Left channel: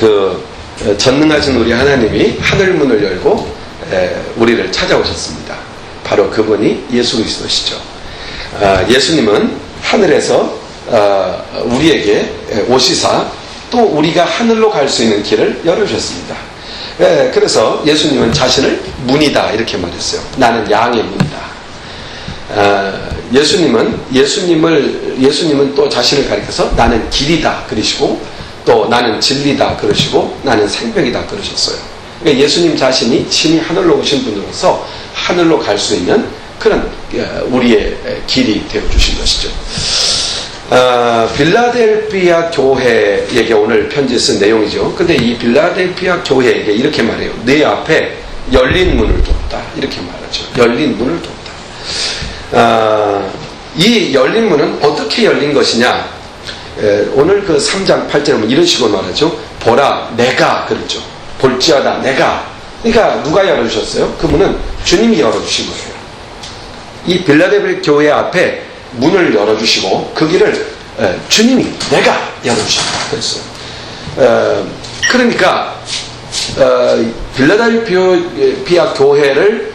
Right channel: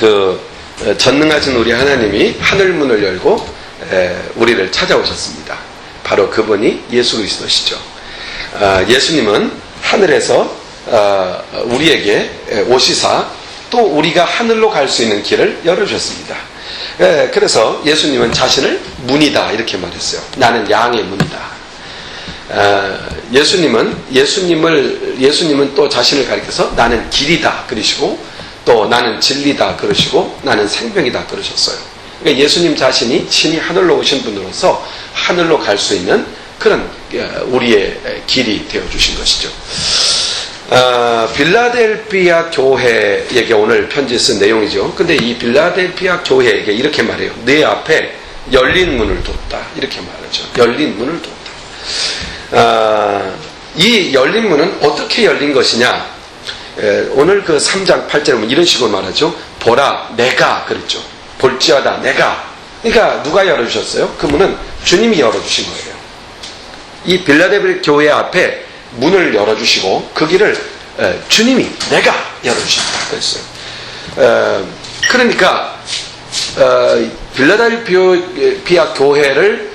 그 전능하신 우리 하나님이 하늘문을 열고 우리를 찾아오셨습니다. 바로 그분이 예수 그리스도시죠. 예수님은 하늘에서 우리에게 오시사 또 우리가 하늘로 갈 수 있는 길을 열어주셨습니다. 그래서 예수님은 자신을 문이다 이렇게 말했어요. 나는 양의 문이다. 예수님은 또 자신을 가리켜서 나는 길이다 그러시고 또 나는 진리다 그러시고 나는 생명이다 그러셨어요. 그러니까 예수님 자신이 친히 하늘로 오신 분으로서 하늘로 갈 수 있는 그런 우리의 길이 되어주신 것이죠. 빌라델피아 교회에게 오늘 편지 쓴 내용이죠. 근데 이 빌라델피아 교회에게 이렇게 말해요. 내 앞에 열린 문을 뒀다 이렇게 말하죠. 열린 문을 뒀다. 이 열린 문은 어떻게 열린 것이냐, 오늘 그 3장 8절에 보면 이런 식으로 말하죠. 보라 내가 그랬죠. 볼지어다 내가. 그러니까 누가 열어주셨어요? 그 문은 주님이 열어주신 거예요. 이 빌라델피아 교회 앞에 문을 열어주시고 그 길을 주님이 내가 열어주셨다 그랬어요. 그러니까 빌라델피아 교회를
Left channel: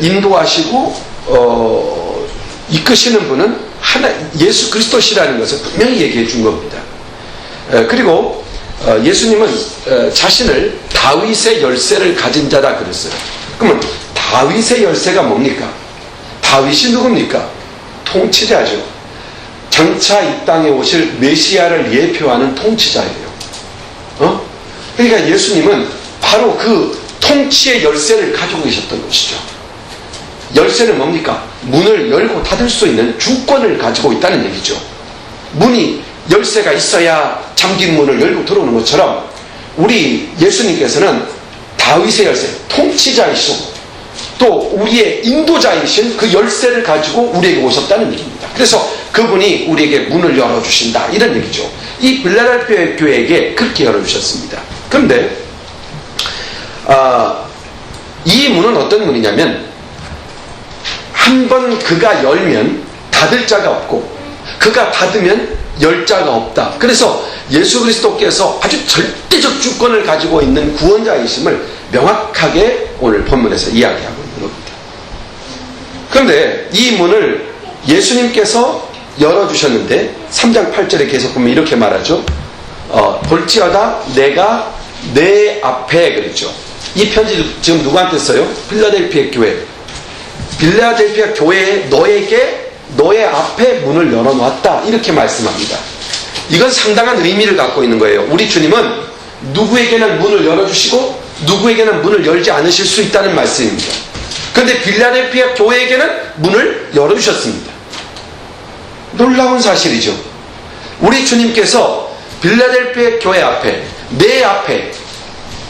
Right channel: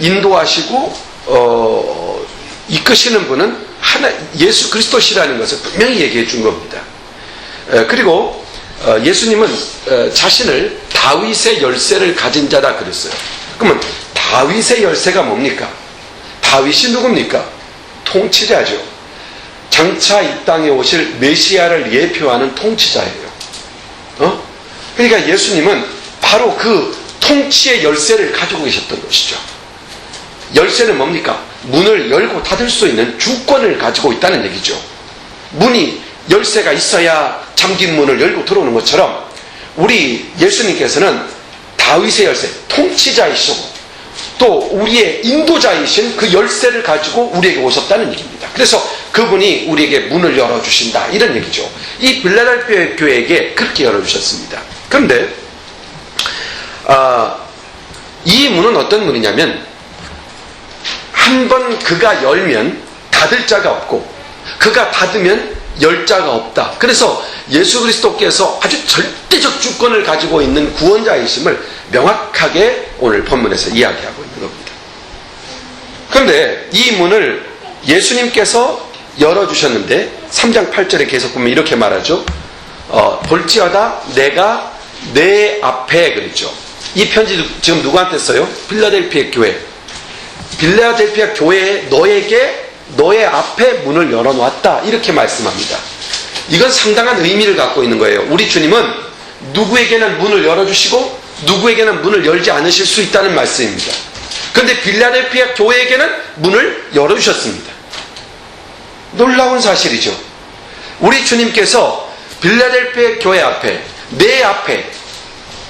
인도하시고 이끄시는 분은 예수 그리스도시라는 것을 분명히 얘기해 준 겁니다. 그리고 예수님은 자신을 다윗의 열쇠를 가진 자다 그랬어요. 그러면 다윗의 열쇠가 뭡니까? 다윗이 누굽니까? 통치자죠. 장차 이 땅에 오실 메시아를 예표하는 통치자예요. 그러니까 예수님은 바로 그 통치의 열쇠를 가지고 계셨던 것이죠. 열쇠는 뭡니까? 문을 열고 닫을 수 있는 주권을 가지고 있다는 얘기죠. 문이 열쇠가 있어야 잠긴 문을 열고 들어오는 것처럼 우리 예수님께서는 다윗의 열쇠, 통치자이시고 또 우리의 인도자이신 그 열쇠를 가지고 우리에게 오셨다는 얘기입니다. 그래서 그분이 우리에게 문을 열어주신다 이런 얘기죠. 이 빌라델피아 교회에게 그렇게 열어주셨습니다. 그런데 이 문은 어떤 문이냐면 한번 그가 열면 닫을 자가 없고 그가 닫으면 열 자가 없다. 그래서 예수 그리스도께서 아주 절대적 주권을 가지고 있는 구원자이심을 명확하게 오늘 본문에서 이야기하고 있는 겁니다. 그런데 이 문을 예수님께서 열어주셨는데 3장 8절에 계속 보면 이렇게 말하죠. 볼지어다 내가 내 앞에 그랬죠. 이 편지 지금 누구한테 써요? 빌라델피아 교회. 빌라델피아 교회에 너에게 너의 앞에 문을 열어놓았다 이렇게 말씀합니다. 이건 상당한 의미를 갖고 있는 거예요. 우리 주님은 누구에게는 문을 열어주시고 누구에게는 문을 열지 않으실 수 있다는 말씀입니다. 그런데 빌라델피아 교회에게는 문을 열어주셨습니다. 놀라운 사실이죠. 우리 주님께서 빌라델피아 교회 앞에 내 앞에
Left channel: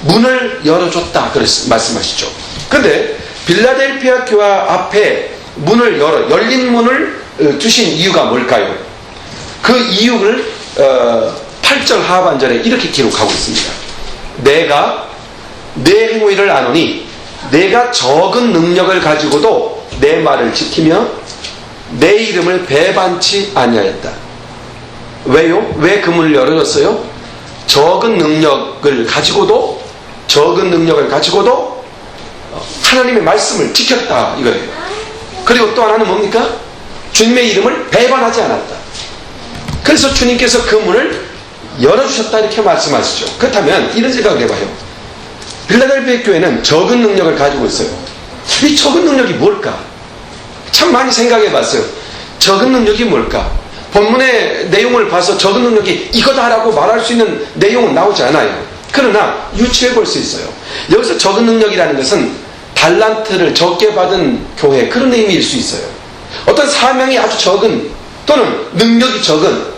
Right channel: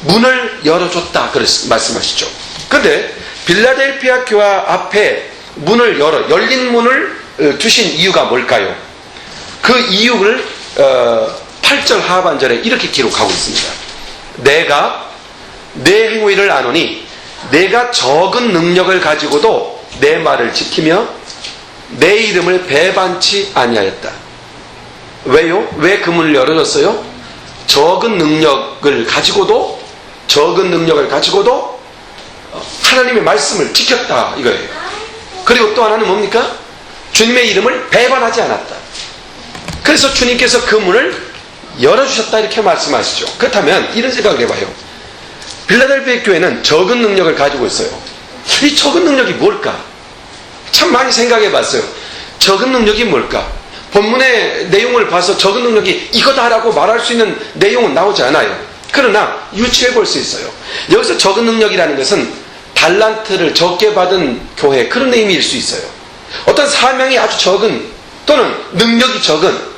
문을 열어줬다 그래서 말씀하시죠. 그런데 빌라델피아 교회 앞에 문을 열린 문을 두신 이유가 뭘까요? 그 이유를 8절 하반절에 이렇게 기록하고 있습니다. 내가 내 행위를 아노니 내가 적은 능력을 가지고도 내 말을 지키며 내 이름을 배반치 아니하였다. 왜요? 왜 그 문을 열어줬어요? 적은 능력을 가지고도 하나님의 말씀을 지켰다 이거예요. 그리고 또 하나는 뭡니까? 주님의 이름을 배반하지 않았다. 그래서 주님께서 그 문을 열어주셨다 이렇게 말씀하시죠. 그렇다면 이런 생각을 해봐요. 빌라델피아 교회는 적은 능력을 가지고 있어요. 이 적은 능력이 뭘까? 참 많이 생각해 봤어요. 적은 능력이 뭘까? 본문의 내용을 봐서 적은 능력이 이거다라고 말할 수 있는 내용은 나오지 않아요. 그러나 유추해 볼 수 있어요. 여기서 적은 능력이라는 것은 달란트를 적게 받은 교회 그런 의미일 수 있어요. 어떤 사명이 아주 적은 또는 능력이 적은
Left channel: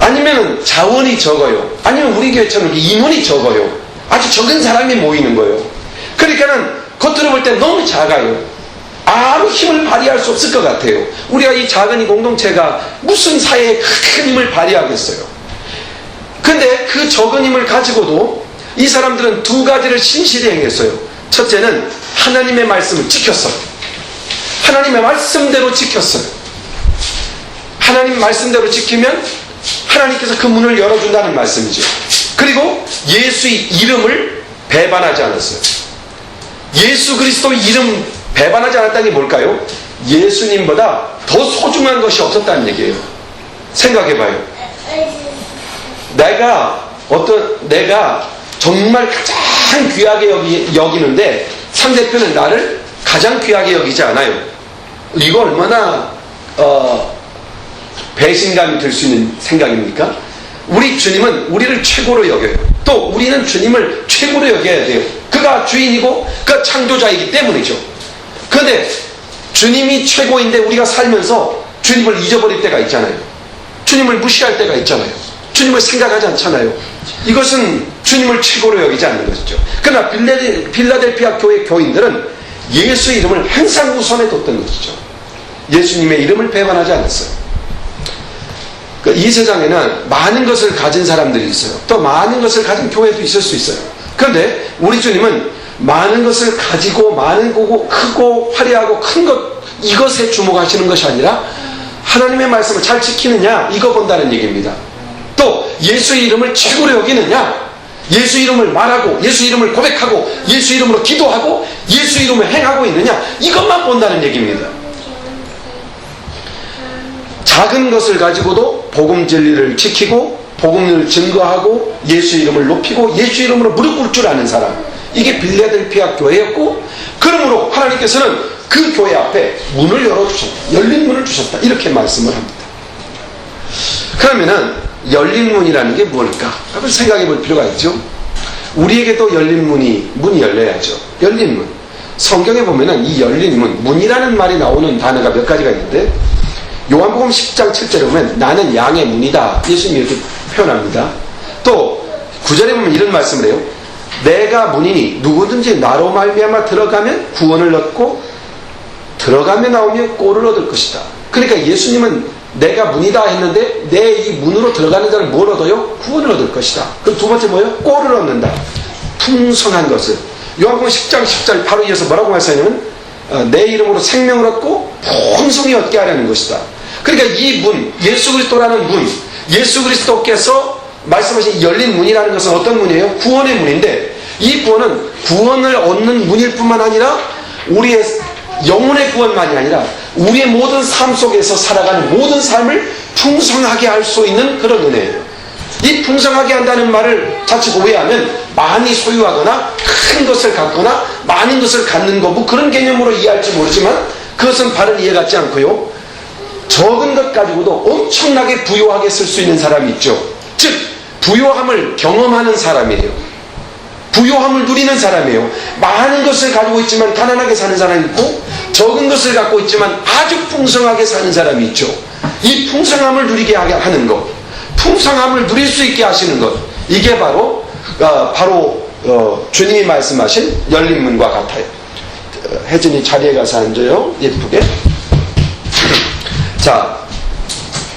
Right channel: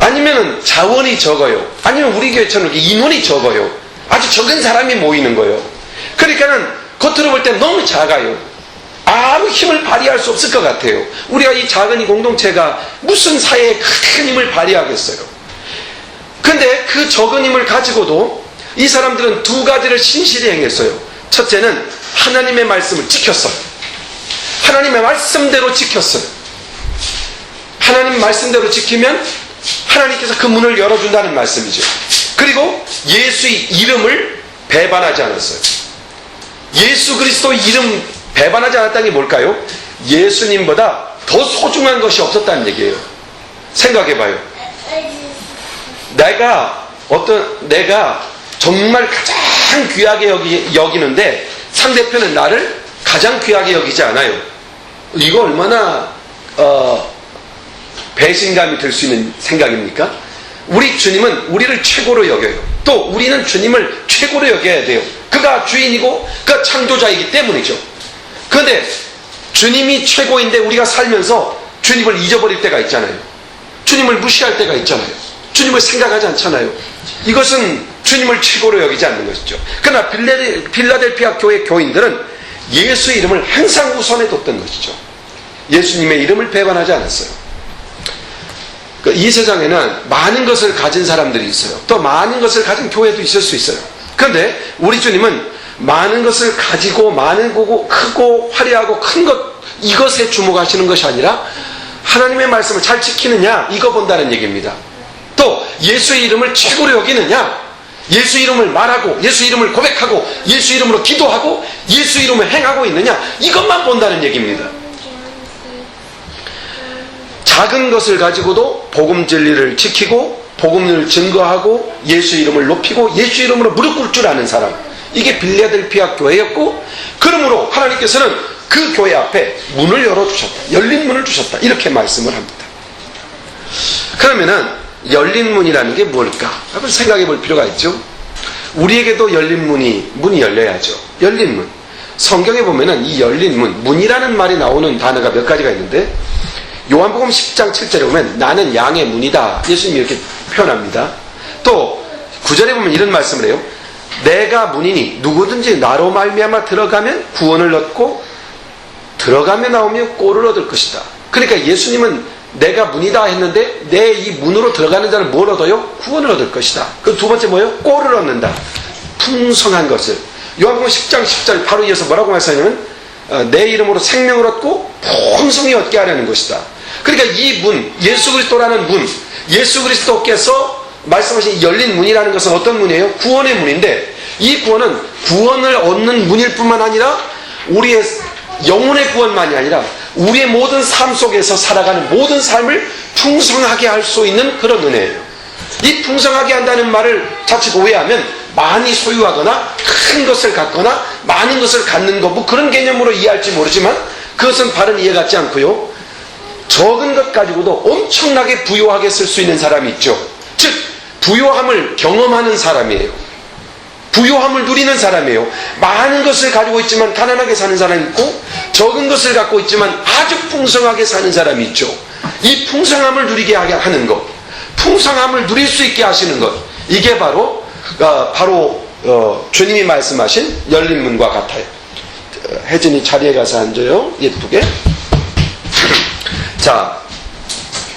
아니면 자원이 적어요. 아니면 우리 교회처럼 인원이 적어요. 아주 적은 사람이 모이는 거예요. 그러니까는 겉으로 볼 때 너무 작아요. 아무 힘을 발휘할 수 없을 것 같아요. 우리가 이 작은 이 공동체가 무슨 사회에 큰 힘을 발휘하겠어요. 근데 그 적은 힘을 가지고도 이 사람들은 두 가지를 신실히 행했어요. 첫째는 하나님의 말씀을 지켰어요. 하나님의 말씀대로 지켰어요. 하나님 말씀대로 지키면 하나님께서 그 문을 열어준다는 말씀이죠. 그리고 예수의 이름을 배반하지 않았어요. 예수 그리스도 이름 배반하지 않았다는 게 뭘까요? 예수님보다 더 소중한 것이 없었다는 얘기예요. 생각해봐요. 내가 정말 가장 귀하게 여기는데 상대편은 나를 가장 귀하게 여기지 않아요. 이거 얼마나 배신감이 들 수 있는 생각입니까? 우리 주님은 우리를 최고로 여겨요. 또 우리는 주님을 최고로 여겨야 돼요. 그가 주인이고 그가 창조자이기 때문이죠. 그런데 주님이 최고인데 우리가 살면서 주님을 잊어버릴 때가 있잖아요. 주님을 무시할 때가 있잖아요. 주님을 생각하지 않잖아요. 이것은 주님을 최고로 여기지 않는 것이죠. 그러나 빌라델피아 교회 교인들은 예수의 이름을 항상 우선에 뒀던 것이죠. 예수님의 이름을 배반하지 않았어요. 이 세상에는 많은 것을 가진 사람들이 있어요. 또 많은 것을 가진 교회도 있을 수 있어요. 그런데 우리 주님은 많은 것을 가지고 많은 거고 크고 화려하고 큰 것, 이것에 주목하시는 것이 아니라 하나님의 말씀을 잘 지키느냐, 이거 본다는 얘기입니다. 또 예수의 이름을 최고로 여기느냐, 예수 이름을 말하고 예수 이름을 고백하고 예수 이름으로 기도하고 예수 이름을 행하고 있느냐, 이것만 본다는 얘기입니다. 작은 것을 가지고도 복음 진리를 지키고 복음을 증거하고 예수 이름을 높이고 예수 이름으로 무릎 꿇을 줄 아는 사람, 이게 빌라델피아 교회였고, 그러므로 하나님께서는 그 교회 앞에 문을 열어주셨다, 열린 문을 주셨다, 이렇게 말씀을 합니다. 그러면은 열린 문이라는 게 뭘까? 한번 생각해 볼 필요가 있죠. 우리에게도 열린 문이 열려야죠. 열린 문. 성경에 보면은 이 열린 문이라는 말이 나오는 단어가 몇 가지가 있는데, 요한복음 10장 7절에 보면 나는 양의 문이다, 예수님이 이렇게 표현합니다. 또 9절에 보면 이런 말씀을 해요. 내가 문이니 누구든지 나로 말미암아 들어가면 구원을 얻고 들어가며 나오며 꼴을 얻을 것이다. 그러니까 예수님은 내가 문이다 했는데 내 이 문으로 들어가는 자는 뭘 얻어요? 구원을 얻을 것이다. 그 두 번째 뭐예요? 꼴을 얻는다. 풍성한 것을. 요한복음 10장 10절 바로 이어서 뭐라고 말씀하냐면 내 이름으로 생명을 얻고 풍성히 얻게 하려는 것이다. 그러니까 이 문, 예수 그리스도라는 문, 예수 그리스도께서 말씀하신 열린 문이라는 것은 어떤 문이에요? 구원의 문인데, 이 구원은 구원을 얻는 문일 뿐만 아니라 우리의 영혼의 구원만이 아니라 우리의 모든 삶 속에서 살아가는 모든 삶을 풍성하게 할 수 있는 그런 은혜예요. 이 풍성하게 한다는 말을 자칫 오해하면 많이 소유하거나 큰 것을 갖거나 많은 것을 갖는 거, 뭐 그런 개념으로 이해할지 모르지만 그것은 바른 이해 같지 않고요. 적은 것 가지고도 엄청나게 부유하게 쓸 수 있는 사람이 있죠. 즉 부유함을 경험하는 사람이에요. 부유함을 누리는 사람이에요. 많은 것을 가지고 있지만 가난하게 사는 사람이 있고, 적은 것을 갖고 있지만 아주 풍성하게 사는 사람이 있죠. 이 풍성함을 누리게 하는 것, 풍성함을 누릴 수 있게 하시는 것, 이게 바로 주님이 말씀하신 열린 문과 같아요. 혜진이 자리에 가서 앉아요. 예쁘게. 자,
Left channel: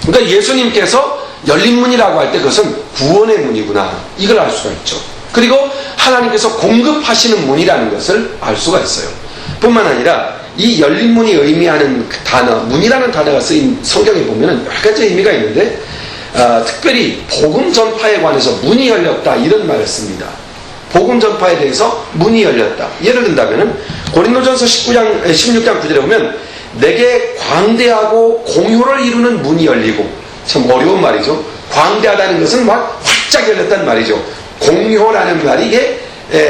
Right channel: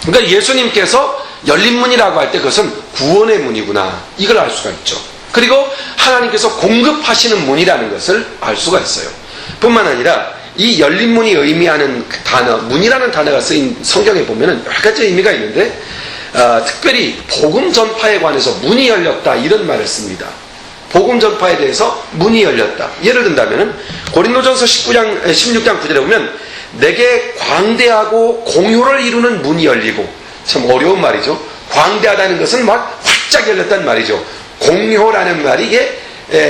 그러니까 예수님께서 열린 문이라고 할 때 그것은 구원의 문이구나, 이걸 알 수가 있죠. 그리고 하나님께서 공급하시는 문이라는 것을 알 수가 있어요. 뿐만 아니라 이 열린 문이 의미하는 그 단어, 문이라는 단어가 쓰인 성경에 보면은 여러 가지 의미가 있는데, 특별히 복음 전파에 관해서 문이 열렸다, 이런 말을 씁니다. 복음 전파에 대해서 문이 열렸다. 예를 든다면은 고린도전서 16장 9절에 보면 내게 광대하고 공효를 이루는 문이 열리고, 참 어려운 말이죠. 광대하다는 것은 막 활짝 열렸다는 말이죠. 공효라는 말이 이게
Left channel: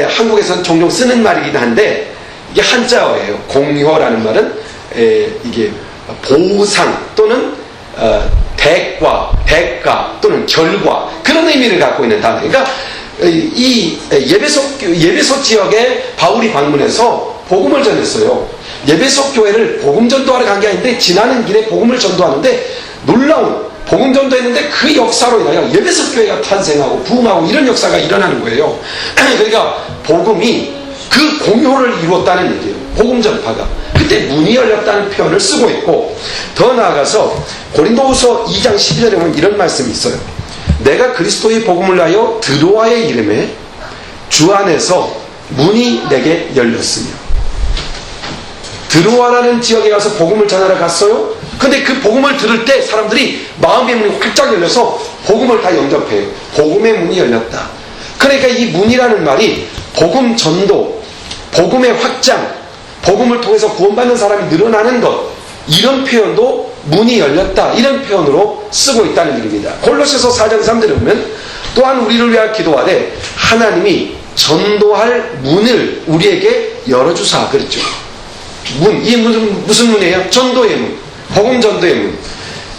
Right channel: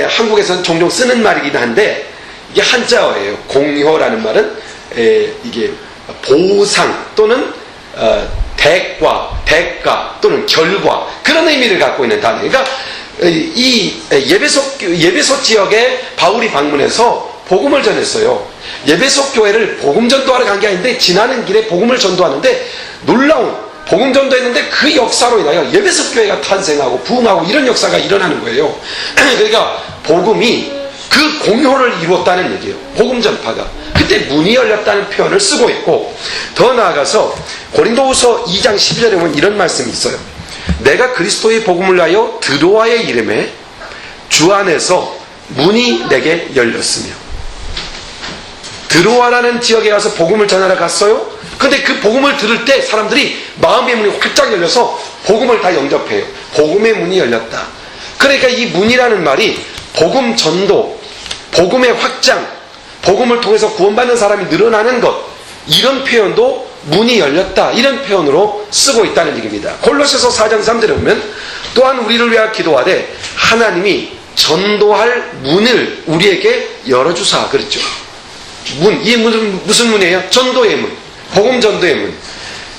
한국에서는 종종 쓰는 말이긴 한데, 이게 한자어예요. 공효라는 말은 이게 보상 또는 대가 또는 결과, 그런 의미를 갖고 있는 단어. 그러니까 이 예배소 지역에 바울이 방문해서 복음을 전했어요. 예배소 교회를 복음 전도하러 간 게 아닌데 지나는 길에 복음을 전도하는데 놀라운 복음 전도했는데 그 역사로 인하여 예배소 교회가 탄생하고 부흥하고 이런 역사가 일어나는 거예요. 그러니까 복음이 그 공효를 이루었다는 얘기예요. 복음 전파가. 그때 문이 열렸다는 표현을 쓰고 있고, 더 나아가서 고린도후서 2장 12절에 보면 이런 말씀이 있어요. 내가 그리스도의 복음을 위하여 드로아의 이름에 주 안에서 문이 내게 열렸으며. 드로아라는 지역에 가서 복음을 전하러 갔어요. 근데 그 복음을 들을 때 사람들이 마음의 문이 활짝 열려서 복음을 다 영접해요. 복음의 문이 열렸다. 그러니까 이 문이라는 말이 복음 전도, 복음의 확장, 복음을 통해서 구원받는 사람이 늘어나는 것, 이런 표현도 문이 열렸다, 이런 표현으로 쓰고 있다는 얘기입니다. 골로새서 4장 3절에 보면 또한 우리를 위하여 기도하되 하나님이 전도할 문을 우리에게 열어주사 그랬죠. 문, 이 무슨 문이에요? 전도의 문, 복음 전도의 문.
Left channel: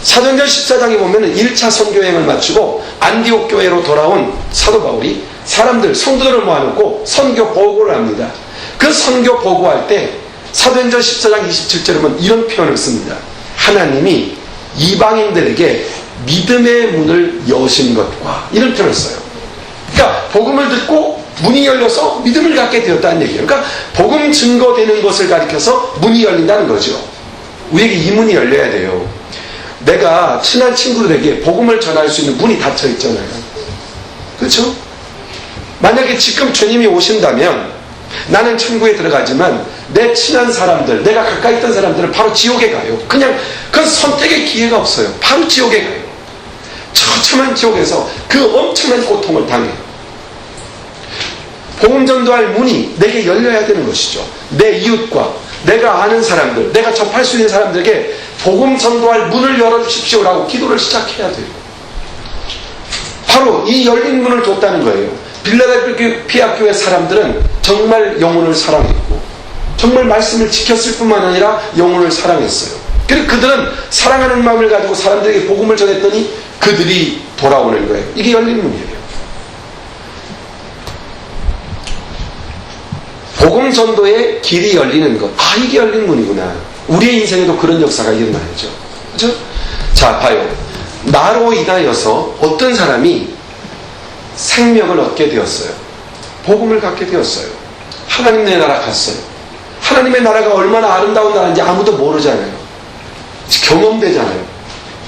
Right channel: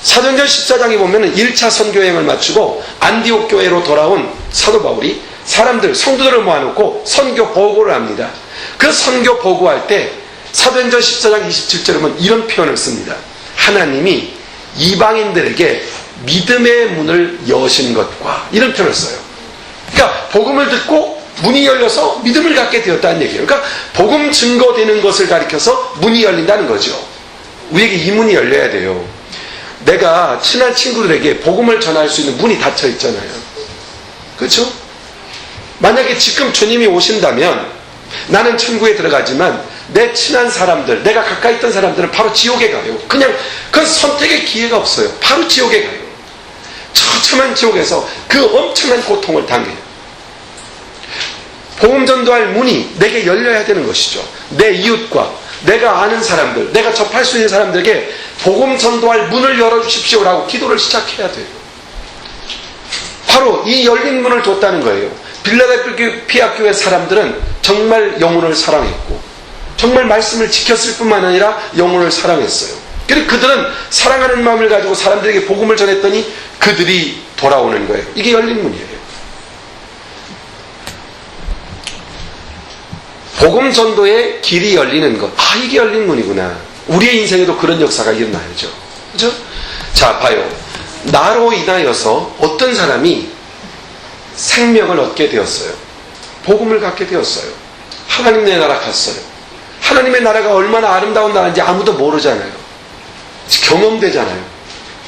사도행전 14장에 보면 1차 선교여행을 마치고 안디옥 교회로 돌아온 사도 바울이 사람들, 성도들을 모아놓고 선교 보고를 합니다. 그 선교 보고할 때 사도행전 14장 27절에 보면 이런 표현을 씁니다. 하나님이 이방인들에게 믿음의 문을 여신 것과, 이런 표현을 써요. 그러니까 복음을 듣고 문이 열려서 믿음을 갖게 되었다는 얘기예요. 그러니까 복음 증거되는 것을 가리켜서 문이 열린다는 거죠. 우리에게 이 문이 열려야 돼요. 내가 친한 친구들에게 복음을 전할 수 있는 문이 닫혀 있잖아요. 그렇죠? 만약에 지금 주님이 오신다면 나는 천국에 들어가지만 내 친한 사람들, 내가 가까이 있던 사람들은 바로 지옥에 가요. 그냥 그건 선택의 기회가 없어요. 바로 지옥에 가요. 처참한 지옥에서 그 엄청난 고통을 당해요. 복음 전도할 문이 내게 열려야 되는 것이죠. 내 이웃과 내가 아는 사람들, 내가 접할 수 있는 사람들에게 복음 전도할 문을 열어주십시오라고 기도를 시작해야 돼요. 바로 이 열린 문을 뒀다는 거예요. 빌라델피아 교회 사람들은 정말 영혼을 사랑했고 정말 말씀을 지켰을 뿐만 아니라 영혼을 사랑했어요. 그리고 그들은 사랑하는 마음을 가지고 사람들에게 복음을 전했더니 그들이 돌아오는 거예요. 이게 열린 문이에요. 복음 전도의 길이 열리는 것. 아, 이게 열린 문이구나. 우리의 인생에도 그런 역사가 일어나야죠. 그죠? 자, 봐요. 나로 인하여서 어떤 사람이 생명을 얻게 되었어요. 복음을 갖게 되었어요. 하나님의 나라 갔어요. 하나님의 나라가 얼마나 아름다운 나라인지 아무도 모르잖아요. 경험되잖아요.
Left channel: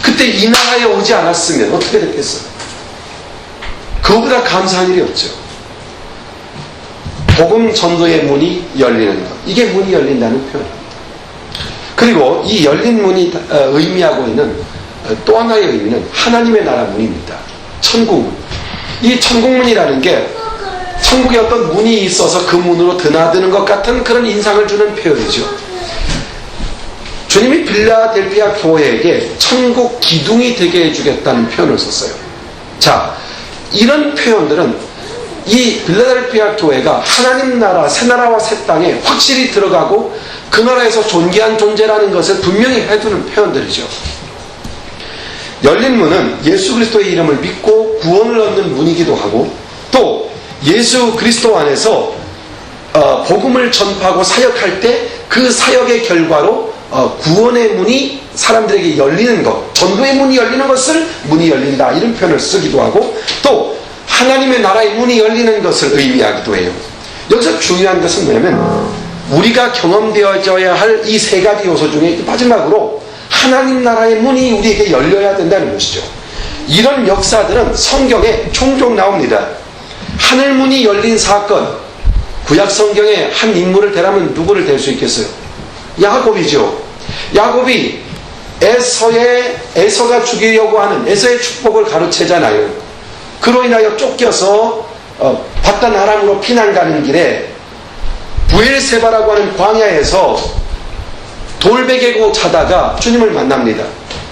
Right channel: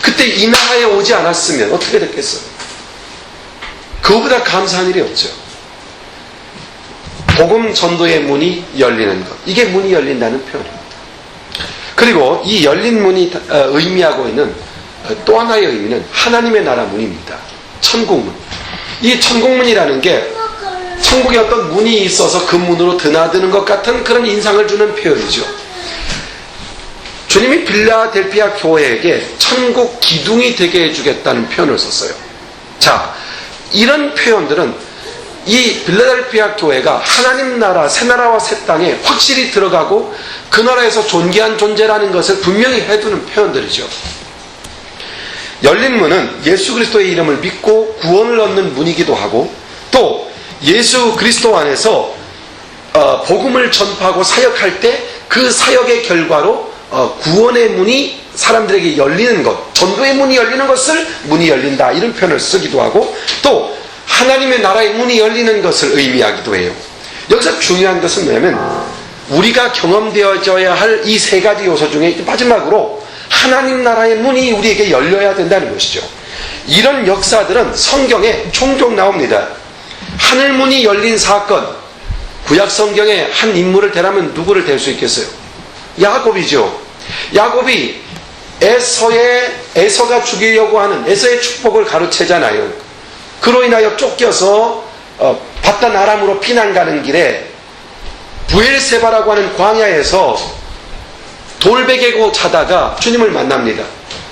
그때 이 나라에 오지 않았으면 어떻게 됐겠어요? 그거보다 감사한 일이 없죠. 복음 전도의 문이 열리는 것. 이게 문이 열린다는 표현입니다. 그리고 이 열린 문이 의미하고 있는 또 하나의 의미는 하나님의 나라 문입니다. 천국문. 이 천국문이라는 게 천국에 어떤 문이 있어서 그 문으로 드나드는 것 같은 그런 인상을 주는 표현이죠. 주님이 빌라델피아 교회에게 천국 기둥이 되게 해주겠다는 표현을 썼어요. 자, 이런 표현들은 이 빌라델피아 교회가 하나님 나라, 새 나라와 새 땅에 확실히 들어가고 그 나라에서 존귀한 존재라는 것을 분명히 해두는 표현들이죠. 열린 문은 예수 그리스도의 이름을 믿고 구원을 얻는 문이기도 하고 또 예수 그리스도 안에서 복음을 전파하고 사역할 때 그 사역의 결과로 구원의 문이 사람들에게 열리는 것, 전도의 문이 열리는 것을 문이 열린다, 이런 표현을 쓰기도 하고 또 하나님의 나라의 문이 열리는 것을 의미하기도 해요. 여기서 중요한 것은 뭐냐면 우리가 경험되어져야 할 이 세 가지 요소 중에 마지막으로 하나님 나라의 문이 우리에게 열려야 된다는 것이죠. 이런 역사들은 성경에 종종 나옵니다. 하늘문이 열린 사건, 구약 성경에 한 인물을 대라면 누구를 댈 수 있겠어요? 야곱이죠. 야곱이 에서가 죽이려고 하는 에서의 축복을 가로채잖아요. 그로 인하여 쫓겨서 바단 아람으로 피난 가는 길에 부엘세바라고 하는 광야에서 돌베개고 자다가 주님을 만납니다.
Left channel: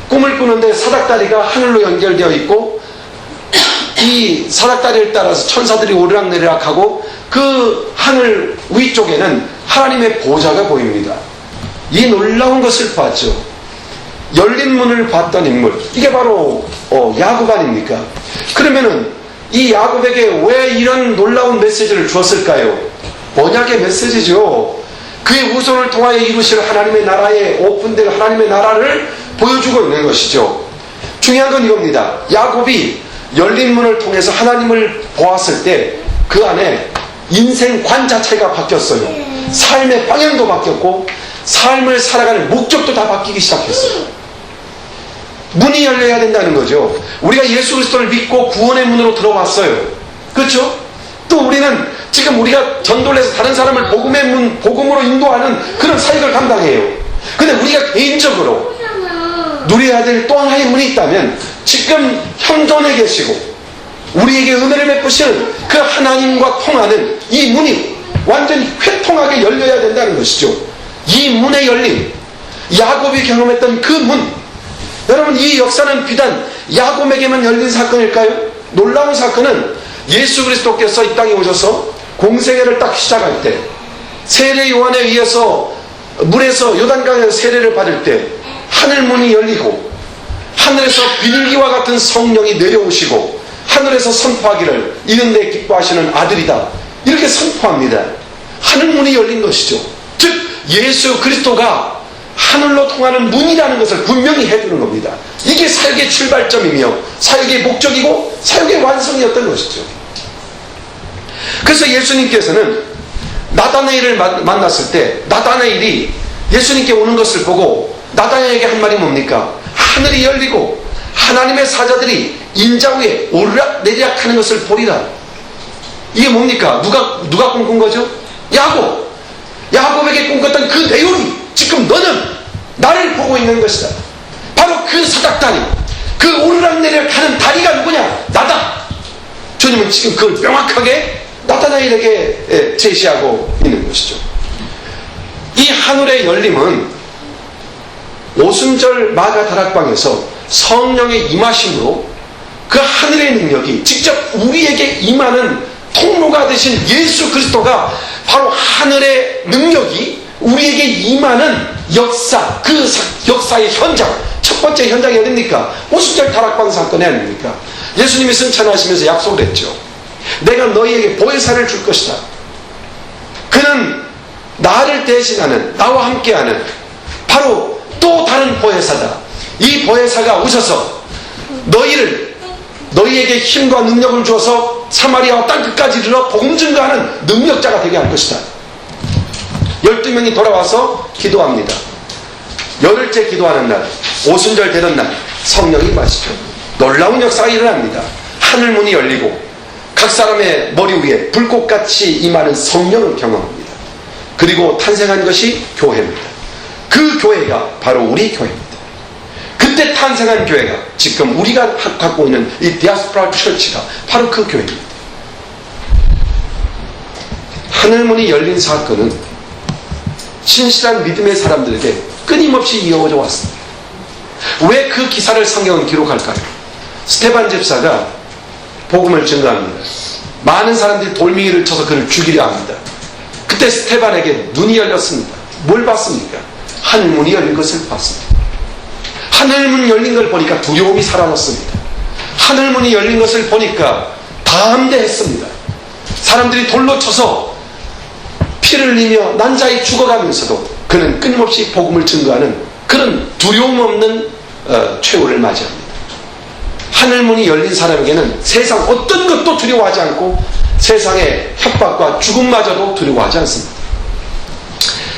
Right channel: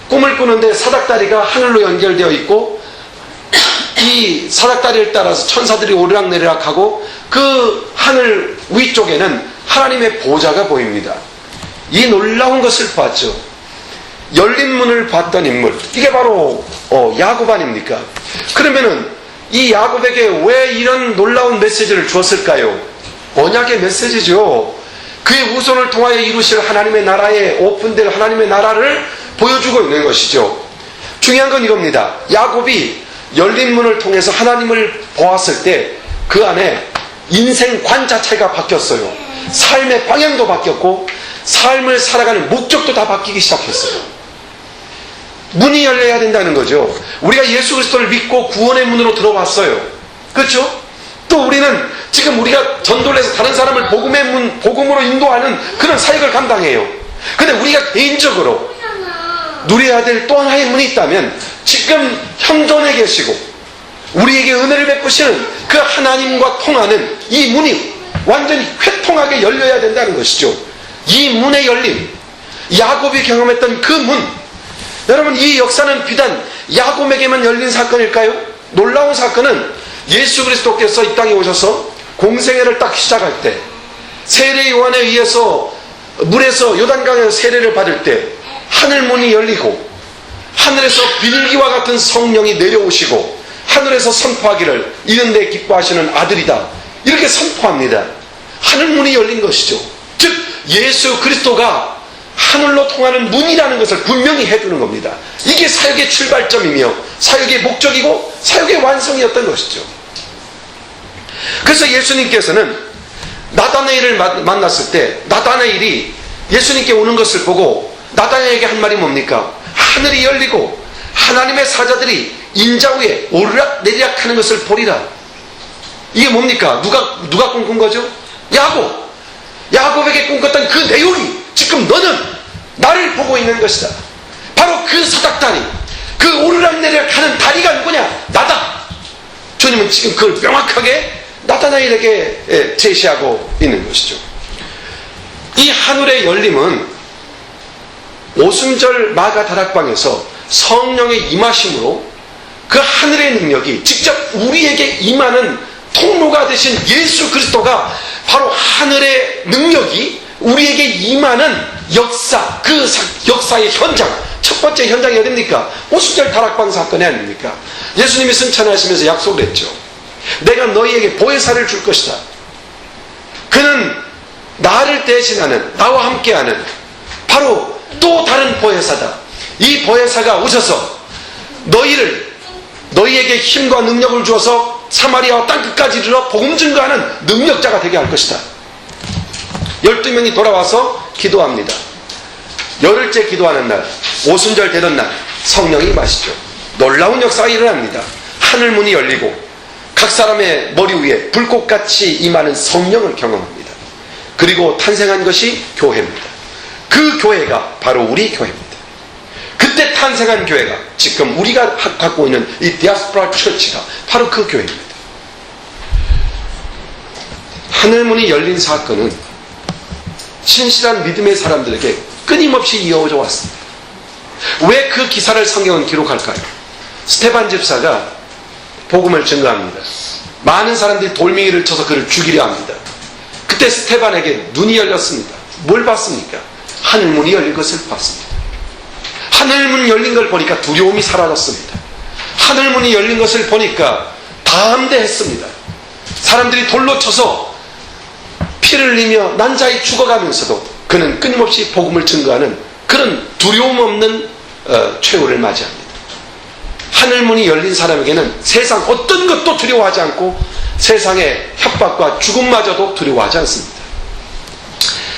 꿈을 꾸는데 사닥다리가 하늘로 연결되어 있고 이 사닥다리를 따라서 천사들이 오르락내리락하고 그 하늘 위쪽에는 하나님의 보좌가 보입니다. 이 놀라운 것을 봤죠. 열린 문을 봤던 인물, 이게 바로 야곱 아닙니까? 그러면은 이 야곱에게 왜 이런 놀라운 메시지를 주었을까요? 언약의 메시지죠. 그의 후손을 통하여 이루실 하나님의 나라에 오픈될 하나님의 나라를 보여주고 있는 것이죠. 중요한 건 이겁니다. 야곱이 열린 문을 통해서 하나님을 보았을 때 그 안에 인생관 자체가 바뀌었어요. 삶의 방향도 바뀌었고 삶을 살아가는 목적도 다 바뀌기 시작했어요. 문이 열려야 된다는 거죠. 우리가 예수 그리스도를 믿고 구원의 문으로 들어왔어요. 그렇죠? 또 우리는 지금 우리가 전도를 해서 다른 사람을 복음의 문, 복음으로 인도하는 그런 사역을 감당해요. 근데 우리가 개인적으로 누려야 될 또 하나의 문이 있다면 지금 현존에 계시고 우리에게 은혜를 베푸시는 그 하나님과 통하는 이 문이 완전히 회통하게 열려야 된다는 것이죠. 이 문의 열림, 야곱이 경험했던 그 문, 여러분 이 역사는 비단 야곱에게만 열린 사건일까요? 놀라운 사건은 예수 그리스도께서 이 땅에 오셔서 공생애를 딱 시작할 때 세례 요한에 의해서 물에서 요단강에서 세례를 받을 때 하늘 문이 열리고 하늘에서 비둘기와 같은 성령이 내려오시고 하늘에서 선포하기를 이는 내 기뻐하시는 아들이다 이렇게 선포합니다. 하늘 문이 열린 것이죠. 즉 예수 그리스도가 하늘로 통하는 문이라는 것을 분명히 해주는 겁니다. 이게 사역의 출발점이며 사역의 목적이고 사역의 완성이었던 것이죠. 그래서 예수님께서는 나다나엘을 만났을 때 나다나엘이 예수님께 오는 것을 보고 나다나엘에게 한 말이 뭡니까? 하늘이 열리고 하나님의 사자들이 인자 위에 오르락 내리락 하는 것을 보리라. 이게 뭡니까? 누가 꿈꾼 거죠? 야곱에게 꿈꿨던 그 내용이 지금 너는 나를 보고 있는 것이다. 바로 그 사닥다리, 그 오르락내리락 하는 다리가 누구냐? 나다. 주님은 지금 그걸 명확하게 나타나엘에게 제시하고 있는 것이죠. 이 하늘의 열림은 오순절 마가 다락방에서 성령의 임하심으로 그 하늘의 능력이 직접 우리에게 임하는 통로가 되신 예수 그리스도가 바로 하늘의 능력이 우리에게 임하는 역사, 그 역사의 현장, 첫 번째 현장이 어딥니까? 오순절 다락방 사건이 아닙니까? 예수님이 승천하시면서 약속을 했죠. 내가 너희에게 보혜사를 줄 것이다. 그는 나를 대신하는, 나와 함께하는 바로 또 다른 보혜사다. 이 보혜사가 오셔서 너희에게 힘과 능력을 주어서 사마리아와 땅끝까지 이르러 복음 증거하는 능력자가 되게 할 것이다. 12명이 돌아와서 기도합니다. 열흘째 기도하는 날, 오순절 되던 날 성령이 임하시죠. 놀라운 역사가 일어납니다. 하늘문이 열리고 각 사람의 머리 위에 불꽃같이 임하는 성령을 경험합니다. 그리고 탄생한 것이 교회입니다. 그 교회가 바로 우리 교회입니다. 그때 탄생한 교회가 지금 우리가 갖고 있는 이 디아스포라 처치가 바로 그 교회입니다. 하늘문이 열린 사건은 신실한 믿음의 사람들에게 끊임없이 이어져 왔습니다. 왜 그 기사를 성경은 기록할까요? 스테반 집사가 복음을 증거합니다. 많은 사람들이 돌멩이를 쳐서 그를 죽이려 합니다. 그때 스테반에게 눈이 열렸습니다. 뭘 봤습니까? 하늘문이 열린 것을 봤습니다. 하늘문 열린 걸 보니까 두려움이 사라졌습니다. 하늘문이 열린 것을 보니까 담대했습니다. 사람들이 돌로 쳐서 피를 흘리며 난자히 죽어가면서도 그는 끊임없이 복음을 증거하는 그런 두려움 없는 최후를 맞이합니다. 하늘문이 열린 사람에게는 세상 어떤 것도 두려워하지 않고 세상의 협박과 죽음마저도 두려워하지 않습니다.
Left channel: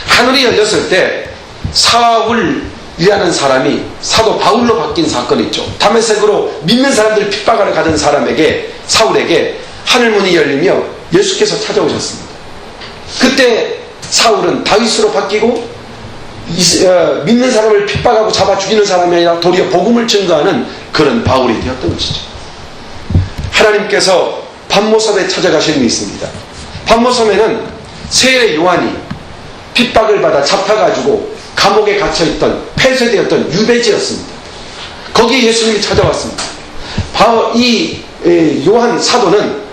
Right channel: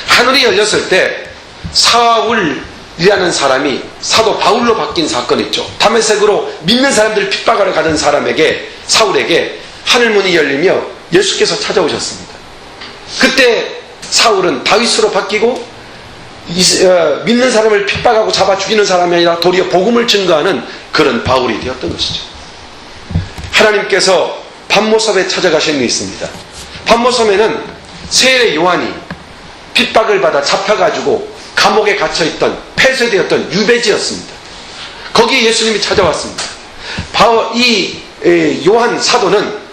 하늘이 열렸을 때 사울이라는 사람이 사도 바울로 바뀐 사건이 있죠. 다메섹으로 믿는 사람들을 핍박하러 가던 사람에게 사울에게 하늘문이 열리며 예수께서 찾아오셨습니다. 그때 사울은 다윗으로 바뀌고 믿는 사람을 핍박하고 잡아 죽이는 사람이 아니라 도리어 복음을 증거하는 그런 바울이 되었던 것이죠. 하나님께서 반모섬에 찾아가신 일이 있습니다. 반모섬에는 세례 요한이 핍박을 받아 잡혀가지고 감옥에 갇혀있던 폐쇄되었던 유배지였습니다. 거기에 예수님이 찾아왔습니다. 이 요한 사도는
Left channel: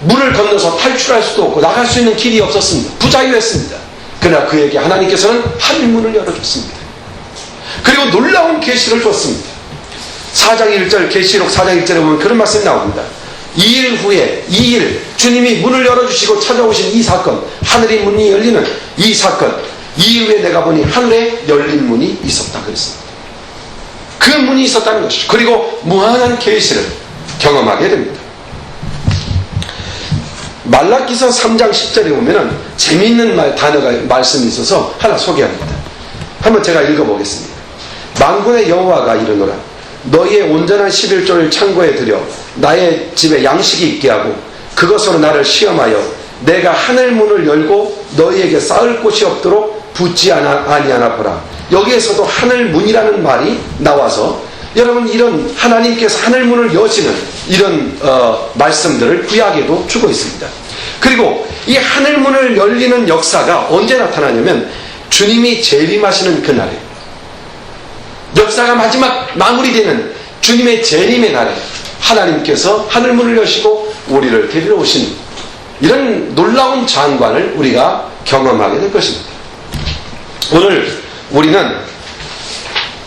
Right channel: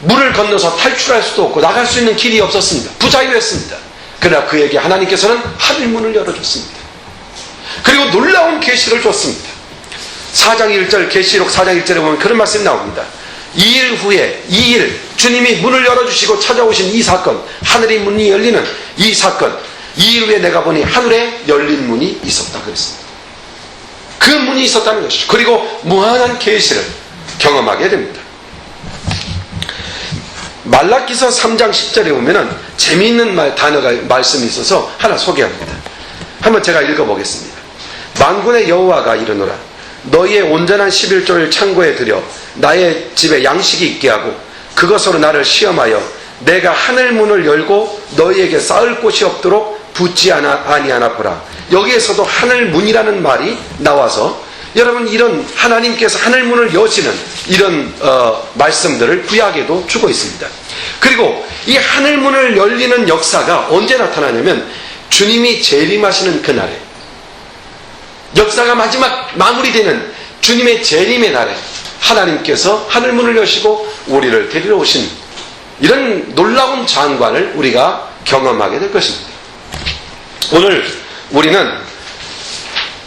물을 건너서 탈출할 수도 없고 나갈 수 있는 길이 없었습니다. 부자유했습니다. 그러나 그에게 하나님께서는 하늘문을 열어줬습니다. 그리고 놀라운 계시를 줬습니다. 4장 1절 계시록 4장 1절에 보면 그런 말씀이 나옵니다. 2일 후에 주님이 문을 열어주시고 찾아오신 이 사건, 하늘의 문이 열리는 이 사건, 이후에 내가 보니 하늘에 열린 문이 있었다 그랬습니다. 그 문이 있었다는 것이죠. 그리고 무한한 계시를 경험하게 됩니다. 말라기서 3장 10절에 보면은 재미있는 말씀이 있어서 하나 소개합니다. 한번 제가 읽어보겠습니다. 만군의 여호와가 이르노라. 너희의 온전한 11조를 창고에 들여 나의 집에 양식이 있게 하고 그것으로 나를 시험하여 내가 하늘문을 열고 너희에게 쌓을 곳이 없도록 붙지 아니하나 보라. 여기에서도 하늘문이라는 말이 나와서 여러분, 이런 하나님께서 하늘문을 여시는 이런 말씀들을 구약에도 주고 있습니다. 그리고 이 하늘문을 열리는 역사가 언제 나타나냐면 주님이 재림하시는 그날에, 역사가 마지막 마무리되는 주님의 재림의 날에 하나님께서 하늘문을 여시고 우리를 데리러 오신 이런 놀라운 장관을 우리가 경험하게 될 것입니다. 오늘 우리는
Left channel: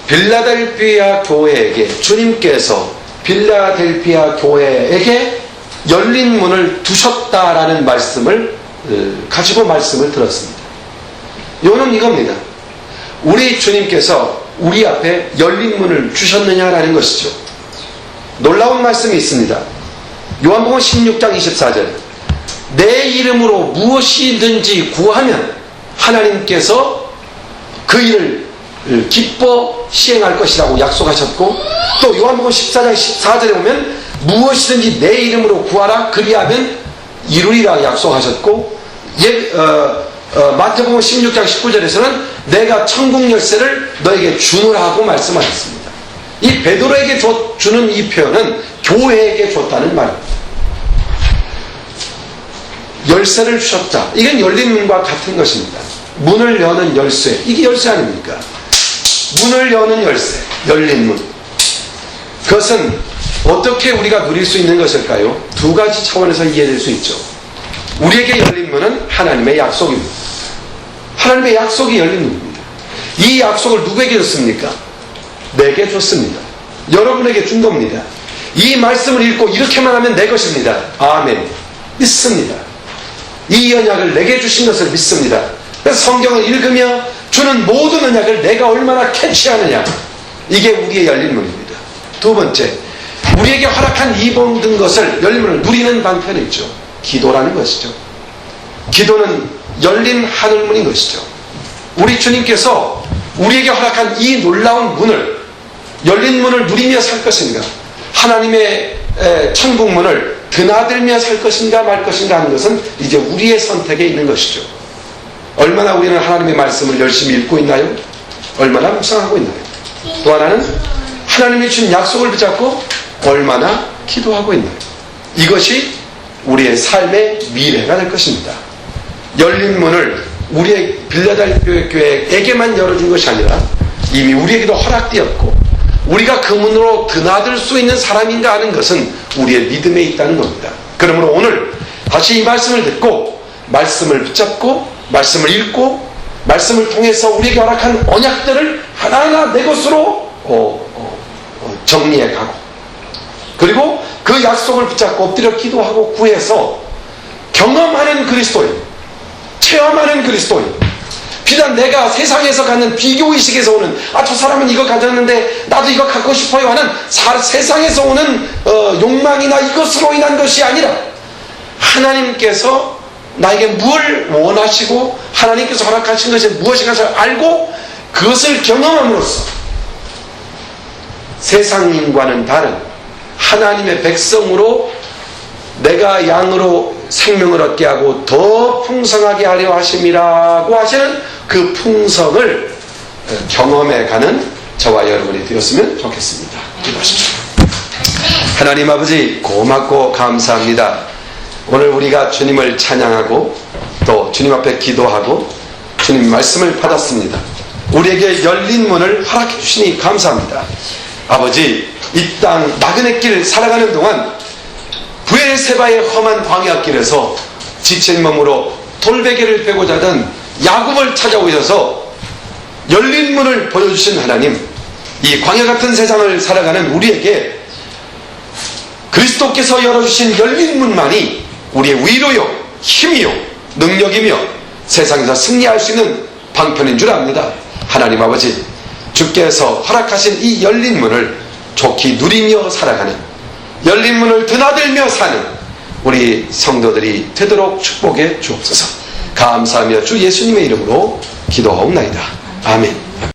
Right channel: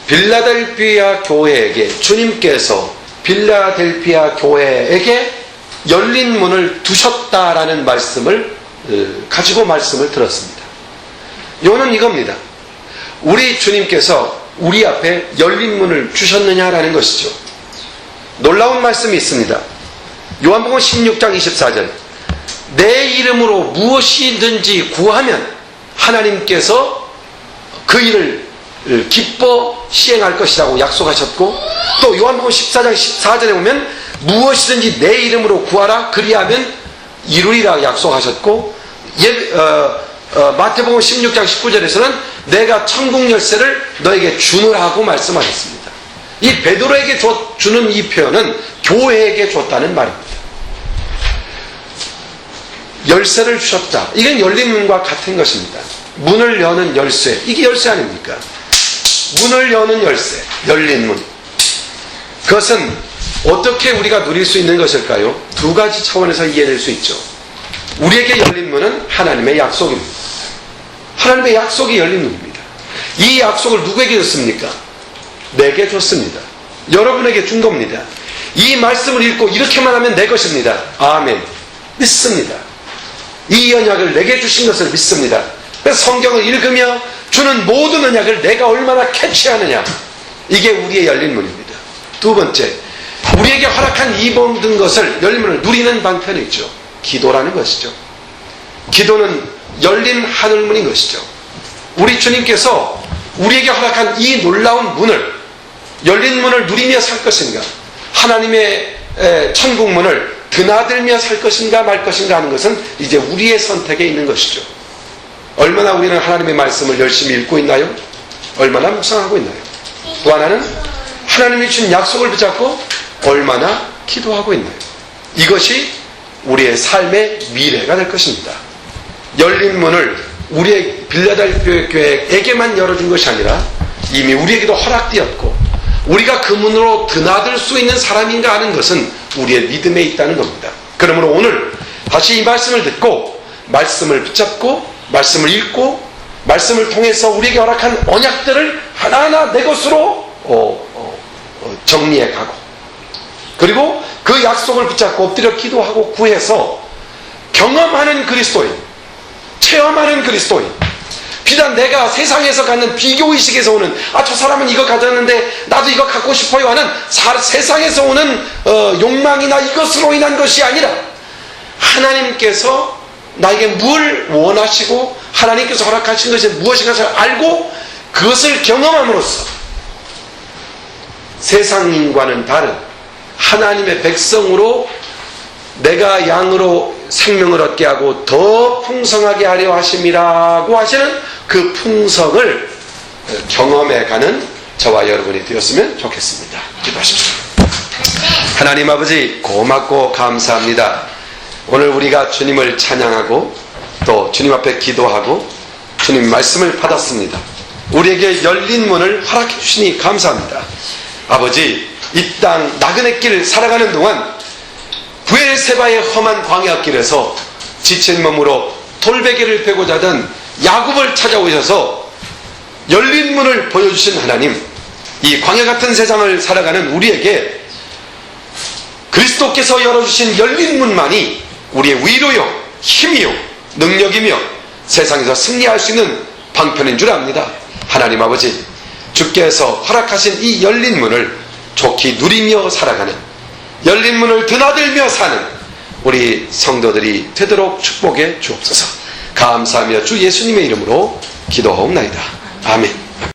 빌라델피아 교회에게, 주님께서 빌라델피아 교회에게 열린 문을 두셨다라는 말씀을 가지고 말씀을 들었습니다. 요는 이겁니다. 우리 주님께서 우리 앞에 열린 문을 주셨느냐라는 것이죠. 놀라운 말씀이 있습니다. 요한복음 16장 24절, 내 이름으로 무엇이든지 구하면 하나님께서 그 일을 기뻐 시행할 것이라고 약속하셨고, 또 요한복음 14장 14절에 보면 무엇이든지 내 이름으로 구하라 그리하면 이루리라 약속하셨고, 마태복음 16장 19절에서는 내가 천국 열쇠를 너에게 주노라고 말씀하셨습니다. 이 베드로에게 주는 이 표현은 교회에게 줬다는 말입니다. 열쇠를 주셨다. 이건 열린 문과 같은 것입니다. 문을 여는 열쇠, 이게 열쇠 아닙니까? 문을 여는 열쇠, 열린 문. 그것은 어떻게 우리가 누릴 수 있는 것일까요? 두 가지 차원에서 이해될 수 있죠. 우리에게 열린 문은 하나님의 약속입니다. 하나님의 약속이 열린 문입니다. 이 약속을 누구에게 줬습니까? 내게 줬습니다. 여러분에게 준 겁니다. 이 말씀을 읽고 이렇게만 하면 내 것입니다. 아멘. 믿습니다. 이 언약을 내게 주신 것을 믿습니다. 그래서 성경을 읽으며 주는 모든 언약을 내가 얼마나 캐치하느냐, 이게 우리의 열린 문입니다. 두 번째, 우리에게 허락한 이 모든 것을, 열린 문을 누리는 방편이 있죠. 기도라는 것이죠. 기도는 열린 하늘문인 것이죠. 우리 주님께서 우리에게 허락한 이 놀라운 문을, 열린 문을 누리며 살 것인가, 하나님의 천국문을 드나들며 살 것인가 말 것인가 하는 것은 이제 우리의 선택에 있는 것이죠. 얼마나 우리는 하나님의 말씀을 열심히 읽고 있나요? 얼마나 묵상하고 있나요? 또 하나는 하나님이 준 약속을 붙잡고 얼마나 기도하고 있나요? 이것이 우리의 삶의 미래가 될 것입니다. 열린 문을 우리의 빌라델피아 교회에게만 열어준 것이 아니라 이미 우리에게도 허락되었고, 우리가 그 문으로 드나들 수 있는 사람인가 하는 것은 우리의 믿음에 있다는 겁니다. 그러므로 오늘 다시 이 말씀을 듣고, 말씀을 붙잡고, 말씀을 읽고, 말씀을 통해서 우리에게 허락한 언약들을 하나하나 내 것으로 정리해 가고, 그리고 그 약속을 붙잡고 엎드려 기도하고 구해서 경험하는 그리스도인, 체험하는 그리스도인, 비단 내가 세상에서 갖는 비교의식에서 오는, 저 사람은 이거 가졌는데 나도 이거 갖고 싶어요 하는 세상에서 오는 욕망이나 이것으로 인한 것이 아니라, 하나님께서 나에게 뭘 원하시고 하나님께서 허락하신 것이 무엇인가를 알고 그것을 경험함으로써 세상인과는 다른 하나님의 백성으로 내가 양으로 생명을 얻게 하고 더 풍성하게 하려 하심이라고 하시는 그 풍성을 경험해가는 저와 여러분이 되었으면 좋겠습니다. 기도하십시오. 하나님 아버지, 고맙고 감사합니다. 오늘 우리가 주님을 찬양하고 또 주님 앞에 기도하고 주님 말씀을 받았습니다. 우리에게 열린 문을 허락해 주시니 감사합니다. 아버지, 이 땅 나그네 길 살아가는 동안 부엘세바의 험한 광야길에서 지친 몸으로 돌베개를 베고자 하던 야곱을 찾아오셔서 열린 문을 보여주신 하나님, 이 광야 같은 세상을 살아가는 우리에게 그리스도께서 열어주신 열린 문만이 우리의 위로요, 힘이요, 능력이며 세상에서 승리할 수 있는 방편인 줄 압니다. 하나님 아버지, 주께서 허락하신 이 열린 문을 좋게 누리며 살아가는, 열린 문을 드나들며 사는 우리 성도들이 되도록 축복해 주옵소서. 감사하며 주 예수님의 이름으로 기도하옵나이다. 아멘.